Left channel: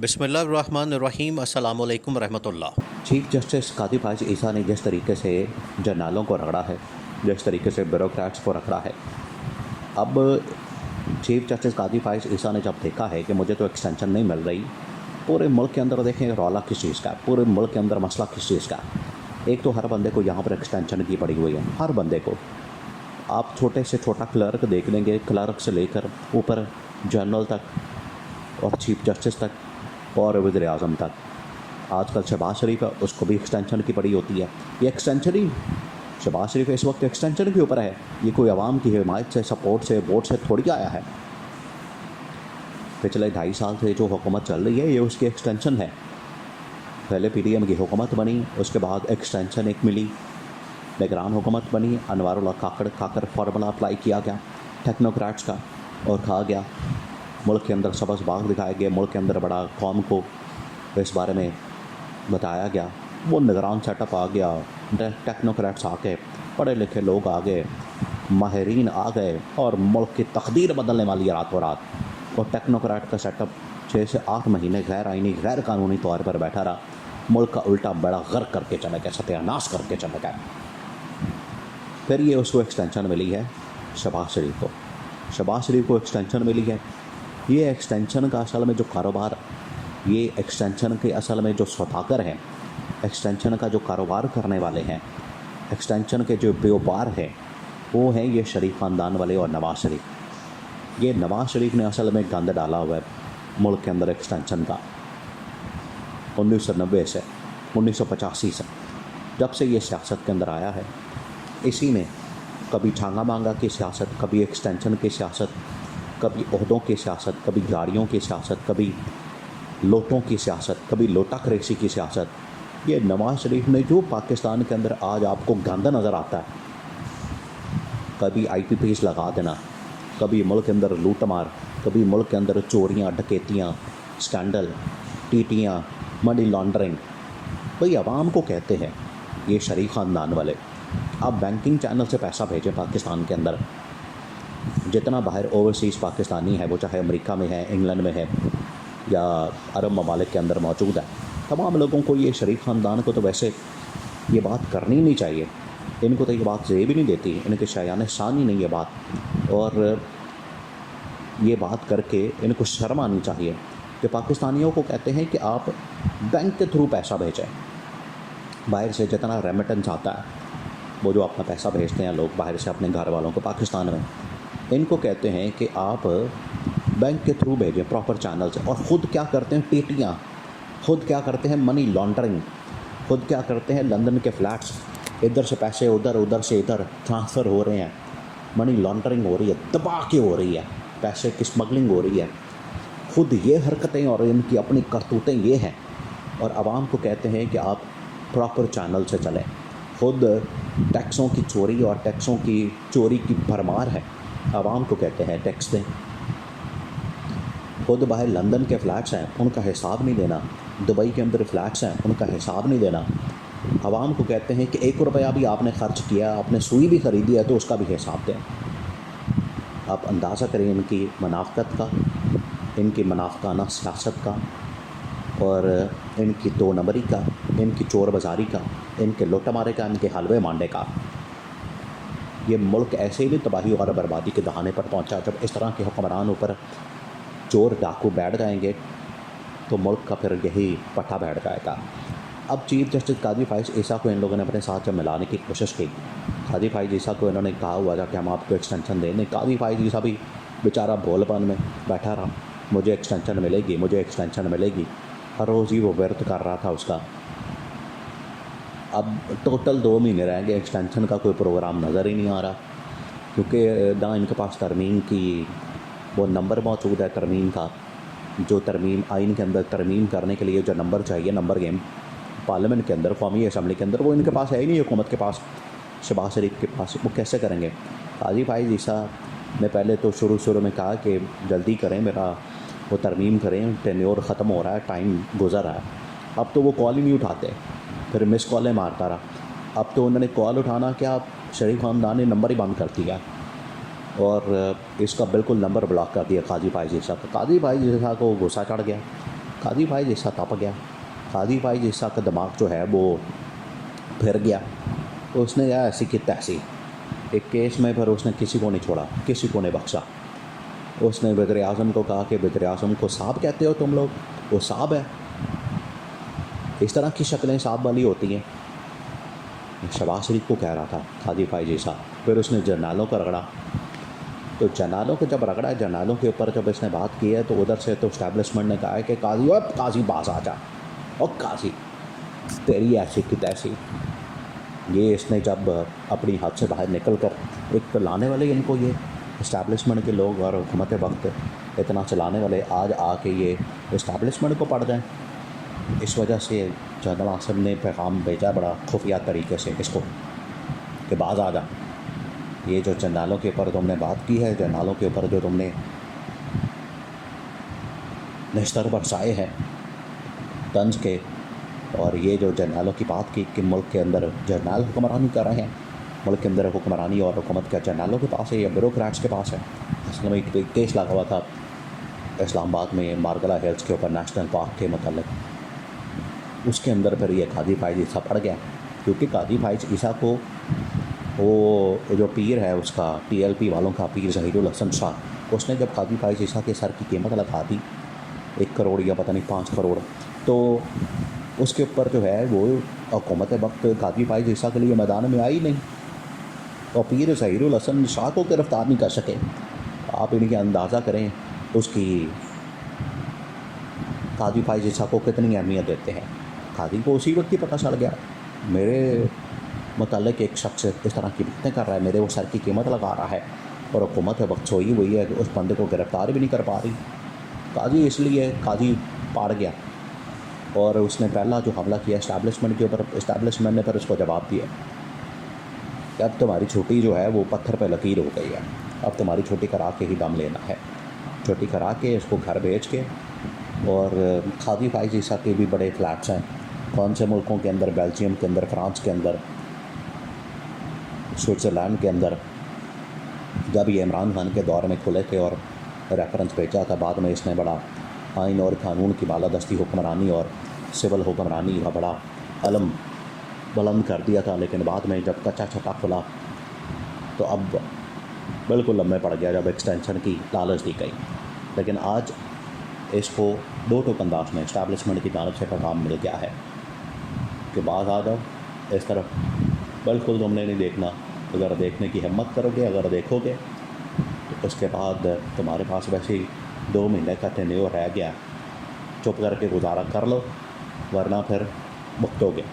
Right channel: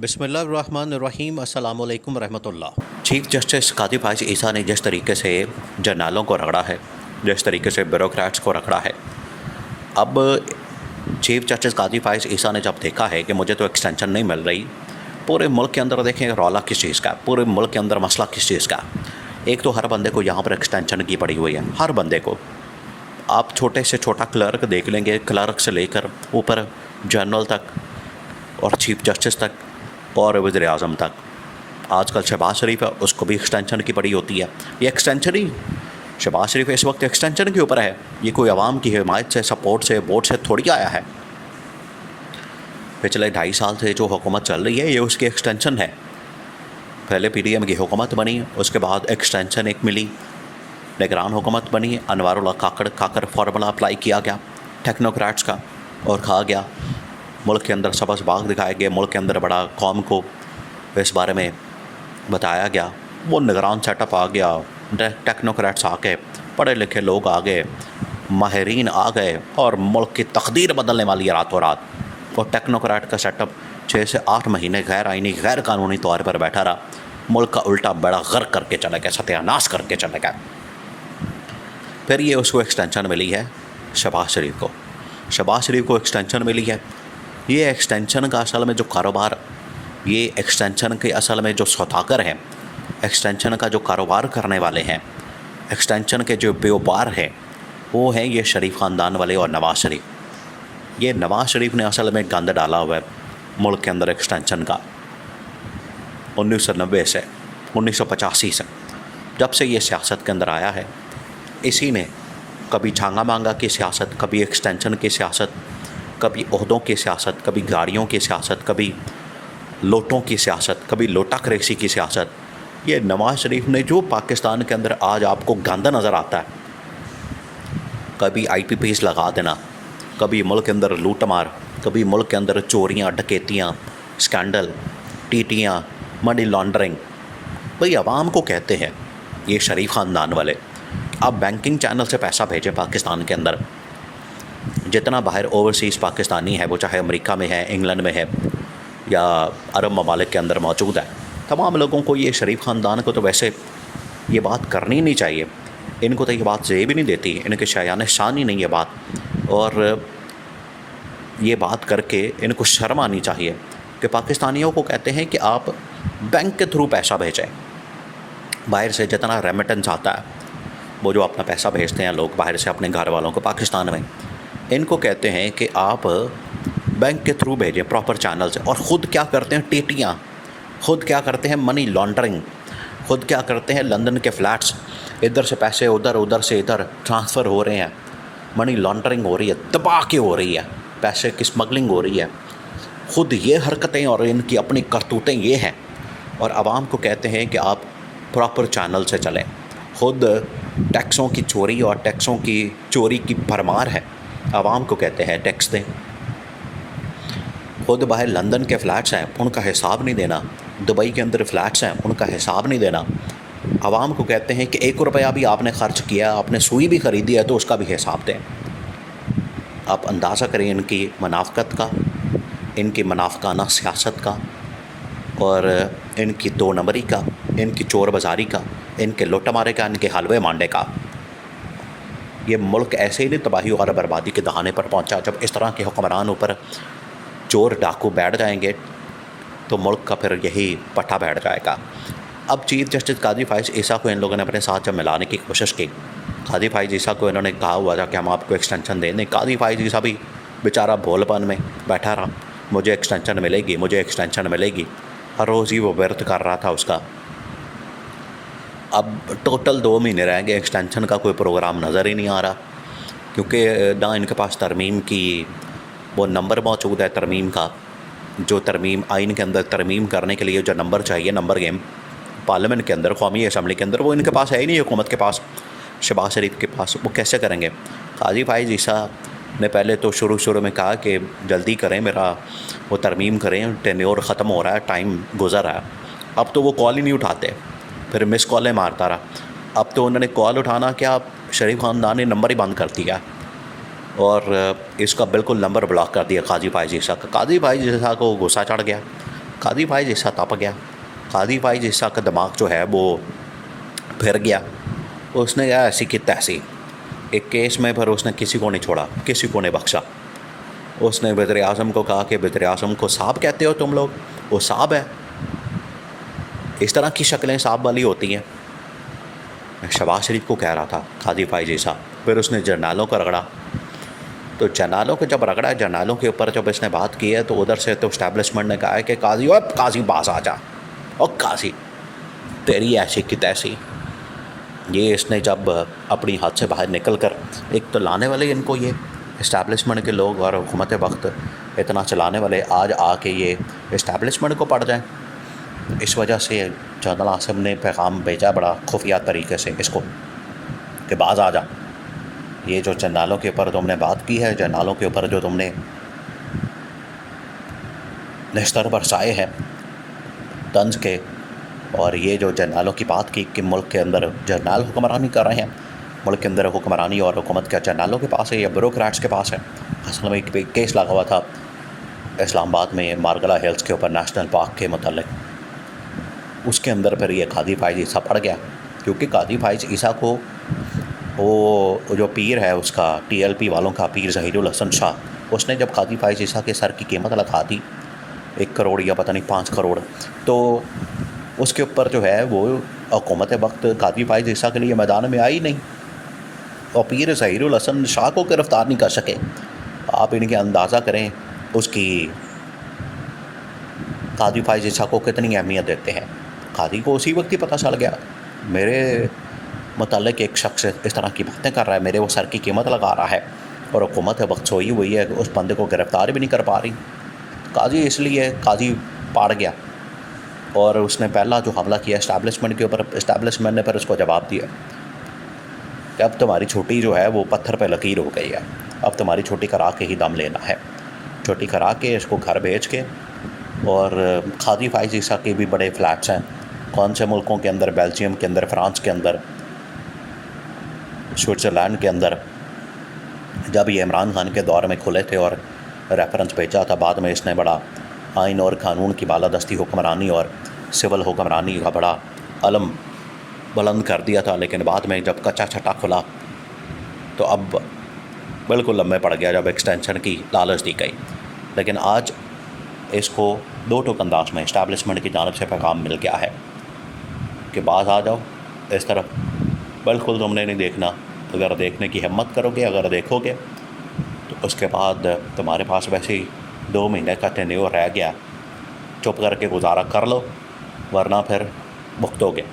बिस्मिल्लाहिर्रहमानिर्रहीम अस्सलामु अलैकुम रहमतुल्लाह। चीफ जस्टिस कादिर फाइज ईसा ने जिस तरीके से जर्नलों को रगड़ा है, जिस तरीके से ब्यूरोक्रेट्स को रगड़ा है, अब चीफ जस्टिस कादिर फाइज ईसा ने जब देखा है कि मुझे तो एक्सटेंशन नहीं मिल रही, पूरे मुल्क के अंदर देखें रौला किस चीज़ का, पूरे मुल्क के अंदर मसला किस चीज़ का। एक तो हर बंदे को यहाँ पर एक्सटेंशन की पड़ी हुई है, हर बंदे को। आप छोटे से छोटा क्लर्क देख लेंगे, क्लर्क से लेकर ऊपर जनरल तक और चीफ जस्टिस तक और वज़ीर आज़म तक। आजकल शहबाज शरीफ है, उसको भी एक्सटेंशन की पड़ी होती है। ये एक्सटेंशन ही शहबाज शरीफ इस वक्त एक्सटेंशन के ऊपर है। ये कोई आवाम की हिमायत से, सपोर्ट से, वोट से थोड़ी आया है। पिछले 2.5 साल से जो हुकूमत चल रही है, ये उसकी एक्सटेंशन है। पहले PDM की हुकूमत बनी, उसके बाद एक्सटेंशन एक मिली, निगरान हुकूमत बनी, अनवारुल्लाह काकर फार्मूला अप्लाई किया गया टेक्नोक्रेट्स का और कहा गया मुल्क के अंदर सबस बाग दिखाए गए, मुल्क के अंदर बड़ा कौम को इस बारे में बताया गया। वो निगरान सेटअप आ गया, टेक्नोक्रेट्स आ गए, पढ़े लिखे लोग आ गए, माहिरीन आ गए और मुल्क की तकदीर बदलने वाली है रातों रात। और टेक्नोक्रेट का सेटअप 6 से 8 महीने गैर आइनी गैर कानूनी तौर पर बैठा रहा, मुल्क का उल्टा बड़ा गर्क करके चला गया, सत्यानाश करके चला गया। फिर ये उसको एक्सटेंशन मिली है शहबाज शरीफ को। शहबाज शरीफ को एक्सटेंशन मिली है। ये एक्सटेंशन का असल में जो कारोबार, ये एक्सटेंशन के असल में जो सौदागर हैं, एक्सटेंशन का जो कारोबार करने वाले हैं, एक्सटेंशन के जो व्यापार हैं, वो हैं ये शरीफ ख़ानदान वाले और नवाज़ शरीफ। ये नवाज़ शरीफ ने असल में गंद डाला हुआ है मुल्क के अंदर एक्सटेंशन का। 1990 से 1985 से जब से ये सियासत के अंदर आया है, इसी ने कभी छांगा मांगा की सियासत, कभी एक्सटेंशन की सियासत, कभी ओहदों की सियासत, कभी गाड़ियों की सियासत, कभी लोटों की सियासत, कभी लोटा क्रेसी की सियासत। ये नवाज़ शरीफ ने जो पाकिस्तान के अंदर आज आपको गंदा नज़र आता है, कभी IPPs लगा देना, कभी मुल्क के अंदर लूट मार, कभी मुल्क के अंदर चोरियाँ, डकैतियाँ, स्कैंडल, टीटियाँ, मनी लॉन्ड्रिंग। भाई आवाम को कहते हैं ये शरीफ ख़ानदान वाले, आप बैंकिंग चैनल से पैसा भेजें पाकिस्तान के अंदर। जितना बाहर ओवरसीज़ पाकिस्तानी है, वो चाहे अमेरिका में है, इंग्लैंड में है या अरब ममालिक के अंदर मौजूद है, तमाम लोगों को ये शरीफ ख़ानदान को तो वैसे ये बात करनी नहीं चाहिए। इनको तो ये बात ज़ेब भी नहीं देती, इनके शायान शान ही नहीं है बात। और ये बात करके इनको शर्म आनी चाहिए कि पाकिस्तानियों को कहते हैं कि आप बैंक के थ्रू पैसा भेजें। बाहर से जितना रेमिटेंस आता है, वो जो अपना पैसा भेजते हैं लोग बाहर से अपने घर वालों को पाकिस्तान में, इनको कहते हैं कि आप बैंक के थ्रू भेजें प्रॉपर चैनल से। और ख़ुद क्या करते हैं टीटियाँ, ख़ुद क्या करते हैं मनी लॉन्ड्रिंग, ख़ुद क्या करते हैं लंदन के फ्लैट्स, इधर से पैसे उधर, उधर से इधर ट्रांसफ़र हो रहे हैं, मनी लॉन्ड्रिंग हो रही है, दबा के हो रही है, पैसे की स्मगलिंग हो रही है। ख़ुद ये हरकतें और इनकी अपनी करतूतें ये हैं, और आवाम को कहते हैं कि आप प्रॉपर चैनल से चलें। ख़ुद टैक्सों की चोरी और टैक्सों की चोरी की भरमार है, आवाम को कहते हैं टैक्स दें। खुद बाहर लंदन के फ़्लैट्स हैं, उनका हिसाब नहीं देना, दुबई के अंदर फ़्लैट्स हैं, उनका हिसाब नहीं देना। आवाम को कहते हैं कि 1 रुपया भी आपने ख़र्च किया, आपने सुई भी ख़रीदी है तो उसका भी हिसाब दें। आप अंदाज़ा करें इनकी मुनाफ़क़त का, इनकी मुनाफ़क़ाना सियासत का, और इनकी 2 नंबरी का, इनकी चोर बाज़ारी का, इनके लुटमारे का, इनके हलवे मांडे का। ये मुल्क ऐसे ही नहीं तबाही और बर्बादी के दहाने पर पहुंचा। जब इस तरह के हुक्मरान ऊपर चोर डाकू बैठ जाएंगे तो मुल्क का फिर यही पट्टा बैठ जाएगा। अब चीफ जस्टिस कादिर फाइज ईसा को इन लोगों ने अपने साथ जब मिलाने की कोशिश की, कादिर फाइज ईसा को इन्होंने कहा हुआ था कि हम आपको एक्सटेंशन दें। कादिर फाइज ईसा भी बेचारा भोलपन में बैठा रहा, मुझे एक्सटेंशन मिलेगी, मुझे एक्सटेंशन मिलेगी, हर रोज़ ही वो व्यर्थ कर रहा था उसका। अब टोटल 2 महीने रह गए, एक्सटेंशन का कोई प्रोग्राम नज़र ही नहीं आ रहा, क्योंकि ना इनके पास तरमीम की वो नंबर मौजूद है, तरमीम का जो तरमीम आइन के अंदर तरमीम करने के लिए जो नंबर चाहिए, नंबर गेम पार्लियामेंट के अंदर, कौमी असम्बली के अंदर, वो इनके पास है ही नहीं, हुकूमत के पास, शहबाज शरीफ के पास। वो कैसे करेंगे? कादिर फाइज ईसा ने पहले तो शुरू में कहा कि जल्दी करें, मेरा वो तरमीम करें, टेन्योर ख़त्म हो रहा है, टाइम गुज़र रहा है। अब तो वो कॉल ही नहीं उठाते, फिर मिस कॉलें मारता रहा। अब तो उन्होंने कॉल उठाना क्या, शरीफ ख़ानदान ने नंबर ही बंद कर दिया और इसका बिल्कुल नंबर ब्लॉक कर दिया कादिर फाइज ईसा का। कादिर फाइज ईसा को गुस्सा चढ़ गया, कादी भाई जैसा तप गया, कादी भाई जैसा का दिमाग जो है वो फिर गया। उसने क्या ऐसी की तैसी एक केस में फिर उसने किसी को नहीं छोड़ा, किसी को नहीं बख्शा। उसने वज़ीर आज़म को कहा कि वज़ीर आज़म को साहब कहते हो तुम लोग, वो साहब है। इस तरह की शक्लें साहब वाली होती हैं। मैं शहबाज शरीफ को कह रहा था कादी भाई जैसा। फिर उसने जर्नलों को रगड़ा, तो जर्नलों को जब रगड़ा, जर्नलों के ऊपर जब इसने बात की है, तो उधर से तो इस्टेब्लिशमेंट ने कहा है कि काजी, और काजी बास आ जा, और काजी तेरी ऐसी की तैसी। ये इसने जब अपनी हाथ से बाहर निकल कर, एक तो लाने वाले इनको ये इस्टेब्लिशमेंट के लोग और हुकूमत वक्त इतना चलाने वाले आज आके ये इस्टेब्लिशमेंट को पड़ जाएं। इस वजह से जनरल आसिम ने पैगाम भेजा बड़ा खुफिया तरीके से इसको कि बाज़ आ जा। ये जो जर्नलों के ऊपर तुमने बात की है, जर्नलों के ऊपर जो तुमने निस्तर बरसाए हैं तंज के, और ये जो जर्नलों की बात की कि मुल्क के अंदर जर्नल हुक्मरानी कर रहे हैं, मुल्क के अंदर हुक्मरानी और हुकूमत क्या जर्नलों के पास है या ब्यूरोक्रेट्स के पास है। असल में एक केस लगा हुआ था इस्लामाबाद में मारगला हिल्स के ऊपर नेशनल पार्क के मतलब, उसके अंदर फिर ये कादी फाइज ईसा पड़ गया। क्योंकि कादी फाइज ईसा को वो जो पीर है उसका, TLP वालों का पीर ज़हीरुल हसन शाह, उसने जब कादी फाइज ईसा के सर की कीमत लगा दी 1 करोड़ या पता नहीं 5 करोड़, तो उसके ऊपर जो है वो हुकूमत वक्त कादी फाइज ईसा के लिए मैदान में आई नहीं, और पीर ज़हीरुल हसन शाह को गिरफ़्तार नहीं कर सके। आप इनके अंदाज़ा करें उसकी कादी फाइज ईसा को कितनी अहमियत देते हैं। कादी को उसी वक्त ही पता चल गया मेरे मुतालिक एक शख्स इस तरह की बातें कर रहा है, मेरे वो सर की कीमत लगा रहा है, और हुकूमत वक्त सोई हुई है, उस बंदे को गिरफ़्तार भी नहीं कर पा रही। काजी इसलिए काजी पाड़ गया, और उसने पहला जो हमला किया इस्टेब्लिशमेंट के ऊपर, इस्टेब्लिशमेंट ने फिर उसको जवाब दिया कि अब तुम्हारी छोटी जो है वो पत्थर पे लकीर हो गई है, अब तुम्हारी छोटी करा के ही दम लेना है। छोटी करा के इसको घर भेज के, और कादी फाइज ईसा के भी बड़े फ्लैट्स हैं कौन से मुल्कों के अंदर, बेल्जियम के अंदर, फ्रांस के अंदर, स्विट्ज़रलैंड के अंदर। जब ये इमरान खान के दौर में खुले थे और रेफरेंस भेजा था, बाद में इसने बड़ा आइन और कानून की बालादस्ती हुक्मरानी और सिविल हुक्मरानी का बड़ा अलम बुलंद कर दिया था। लेकिन बाद में जब कच्चा छट्टा खुला तो अब बिल्कुल लम्बे पड़ गया जब एक्सटेंशन की लालच दी गई। लेकिन आज इसको 2 टोक अंदाज में इस्टेब्लिशमेंट की जानब से पैगाम मिल गया है कि बाज़ आ जाओ इस तरफ। बिल्कुल तुमने नहीं देखना, अगर देखने की हिम्मत करोगे, अगर देखोगे तो उसके बाद तुम्हारे पास वैसे ही 2 महीने का टेन्योर रह गया, चुप करके गुजारा कर लो, वरना फिर भुगतोगे।